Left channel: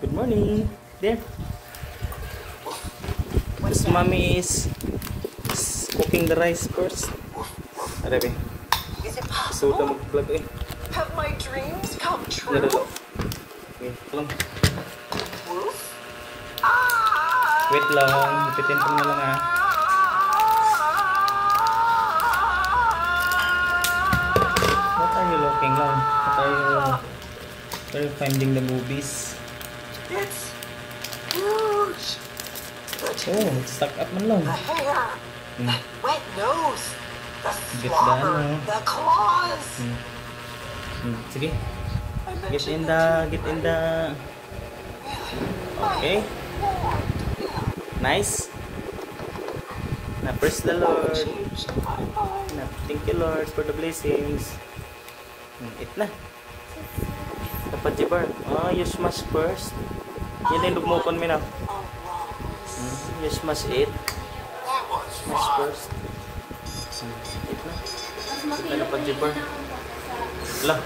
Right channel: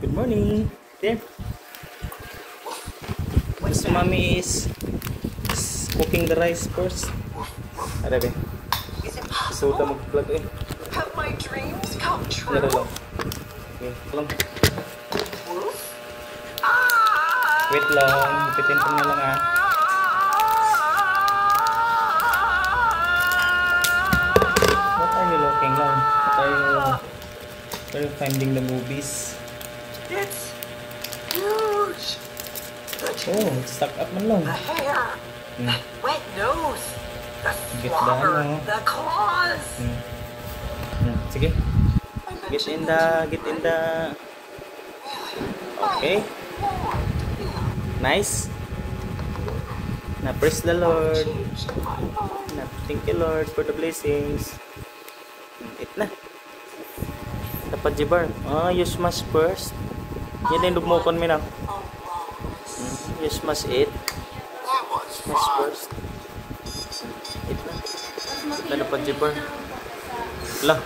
Good morning. There. This mommy is cooking the rice first. Are there? So ka mag-vlog eh. Have my dreams come true? Are lang. Lang. Wait lang, hipitin ko na lang ah. What are you looking lang? What are you finding the movies? It's huge. Oh, it's stuck up man lang. The hair, the wet nose, the Get slobber, down, the claws. Sige. Get in the. Okay. Nice. Na praise the Lord. Na thank you Lord for the blessings. Eat na. Dapat jibar. You smash first. Yan din dumukon mo na. You smash it. Smash first. Eat na. Eat na dapat jibar. Lah.